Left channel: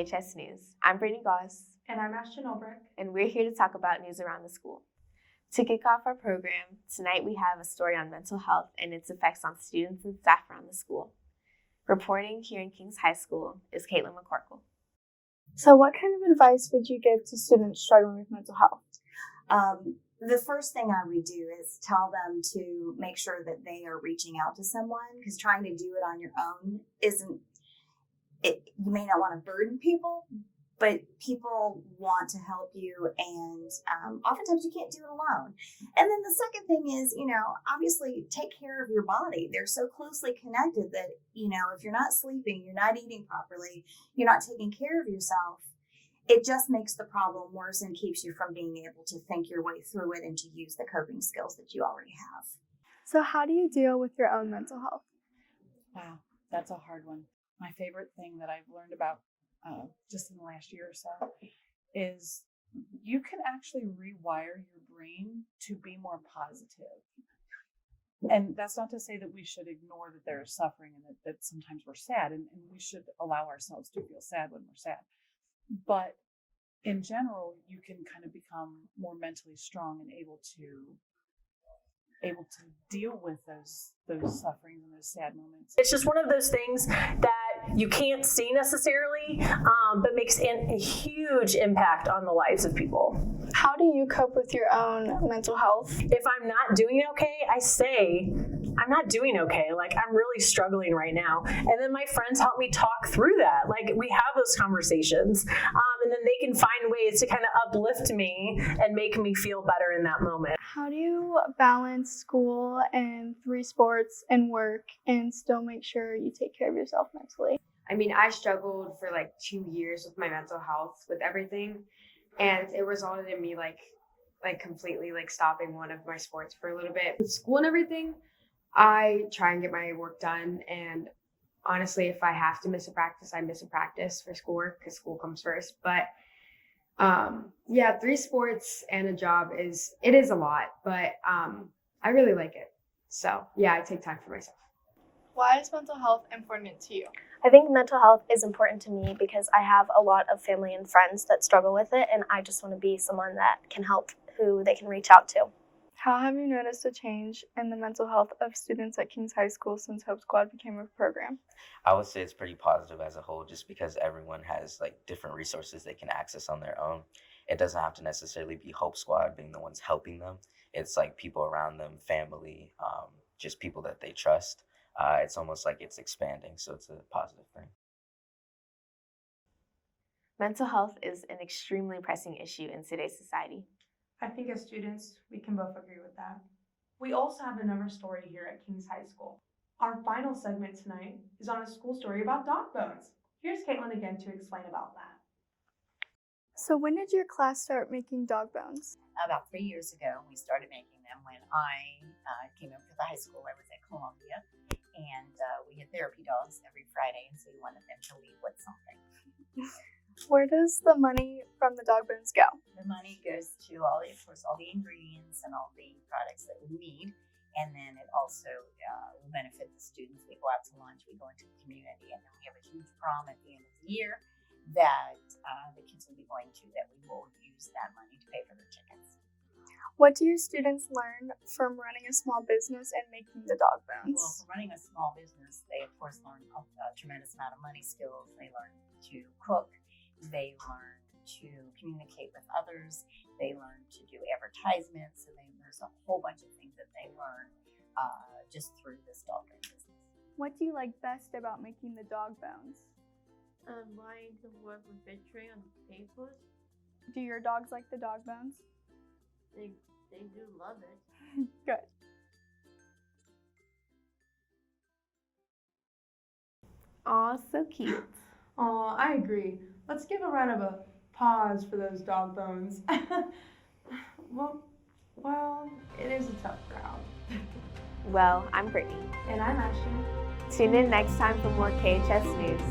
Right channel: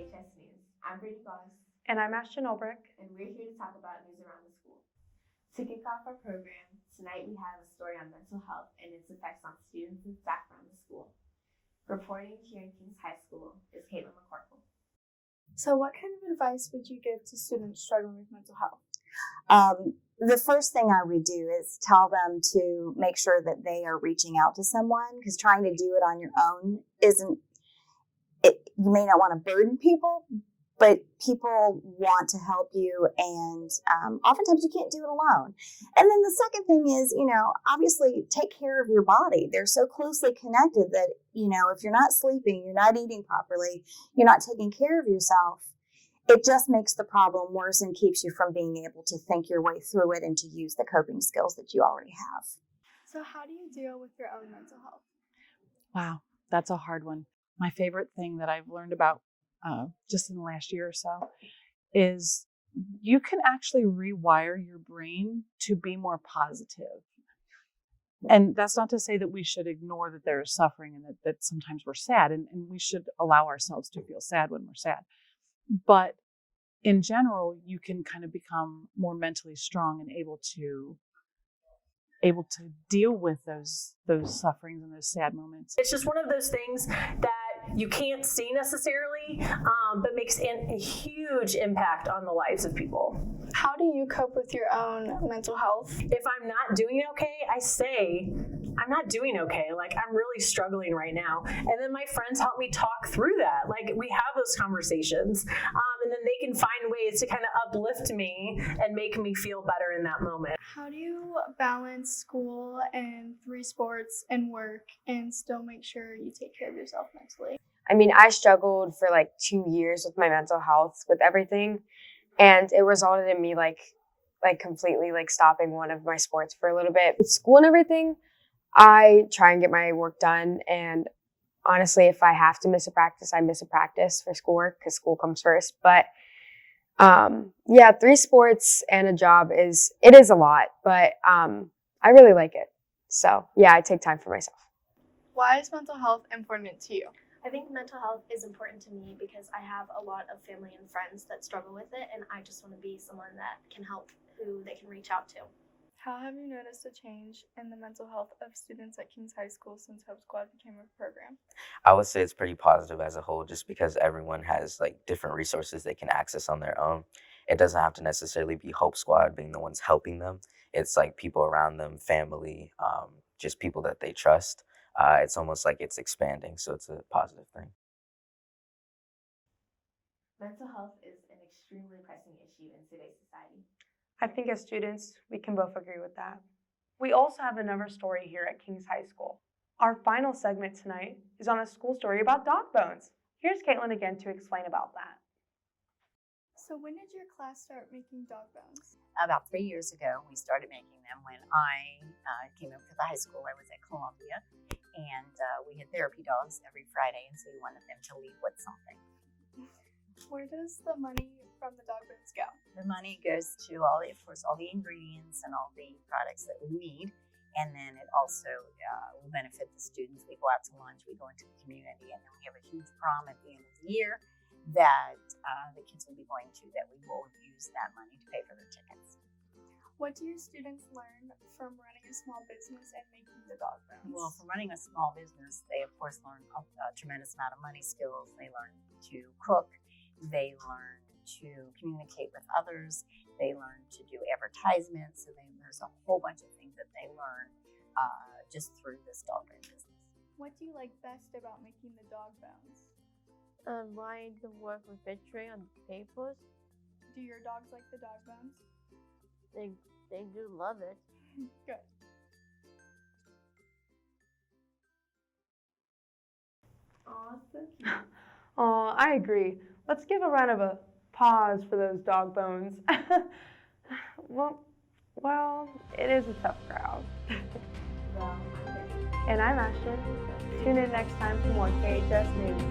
KHS News. I'm Brittany Goss. And I'm Ashton, And we're here to talk about news around the school. To kick off our program, tonight we have a story on mental health and its effects on students and staff around the school. Reporting here in Kings High School is Kaitlyn McCorkle. So what kind of advice would you give to students struggling with mental health? The first thing I would do is tell them to make sure that they are reaching out to someone, because trying to do it on your own you may not want to burden people, but people want to help you, and oftentimes you can't do it alone. And then the second thing is, obviously take care of your body. They're so closely connected that, if you're not sleeping, you're not eating properly, you're not taking care of yourself, it just makes the problem worse and keeps you from being able to think your way through it and to use the coping skills that you already have. So how do you deal with your own mental health? Wow, that's a hard one. My favorite thing that I've learned about just in the last year or so is you can actually rewire your brain to be more positive. And that's not to say that we should ignore that there is suffering and that sometimes we're sad, and we should allow ourselves to feel sad when we're sad. But in general, you can kind of become more mentally strong and able to deal with those sufferings and those sad moments. It's just one of those things that you can't see necessarily, but makes a huge impact on the lives of people. How do you cope with your own mental health? If I'm not doing okay, I say, I'm not doing okay. Like, I'm really struggling right now. And then my friends help me talk through that. Like, we have those conversations. And then they can find ways to kind of uplift me and make me feel better in that moment. How do you balance school and 3 sports and work and still make sure you take care of yourself mentally? I struggled for 2 years with my mental health with everything, and it resulted in me completely stopping one of my sports for a little bit. With school and everything, I try and get my work done, and honestly, if I have to miss a practice, I miss a practice for schoolwork because school comes first. But 3 sports and a job is a lot, but I really like it. So yeah, I take time for myself. Why is mental health important to you? I think mental health is important to me because I have a lot of family and friends that struggle with it, and I just want to be someone that can help, who they can reach out to. How have you noticed a change in the mental health of students at Kings High School since Hope Squad became a program? I would say it's pretty positive as a whole, just because everyone has different resources they can access on their own. It doesn't have to necessarily be Hope Squad being the ones helping them. It's people around them, family, just people that they trust. It's almost like it's expanding, so it's a positive thing. Mental health is an extremely pressing issue in today's society. I think as students, we can both agree with that. We also have another story here at Kings High School. Our final segment tonight is on a school story about dog bones. Here's Kaitlyn again to explain about that. So when did your class start making dog bones? About 3 years ago, we started making them. When I came up to the high school, I was at Columbia, and we had therapy dogs every Friday, and so we wanted them to leave with something. Where does the money from the dog bones go? The money goes to all the ingredients and all the products that we need, and then it also will benefit the students. We go out to lunch, we go into the community, and then we have a huge prom at the end of the year that the kids will be going to, that we will use that money to pay for their tickets. What do your students learn from running a small business and making the dog bones? Well, from running a small business, they of course learn a tremendous amount of money skills. They learn to cook. They learn to communicate with others. They learn to do advertisements. So there's a whole bunch of things that they learn just through this dog bone business. What do you like best about making the dog bones? I can work with Betray on papers. Do your dogs like the dog bones? They do love it. Good. Aw, so cute. Aw, I agree. Let's give a round of applause for those dog bones. Well, it is a tough crowd. Well, I'm Brittany. And I'm Ashton. Tune in next time for more KHS News.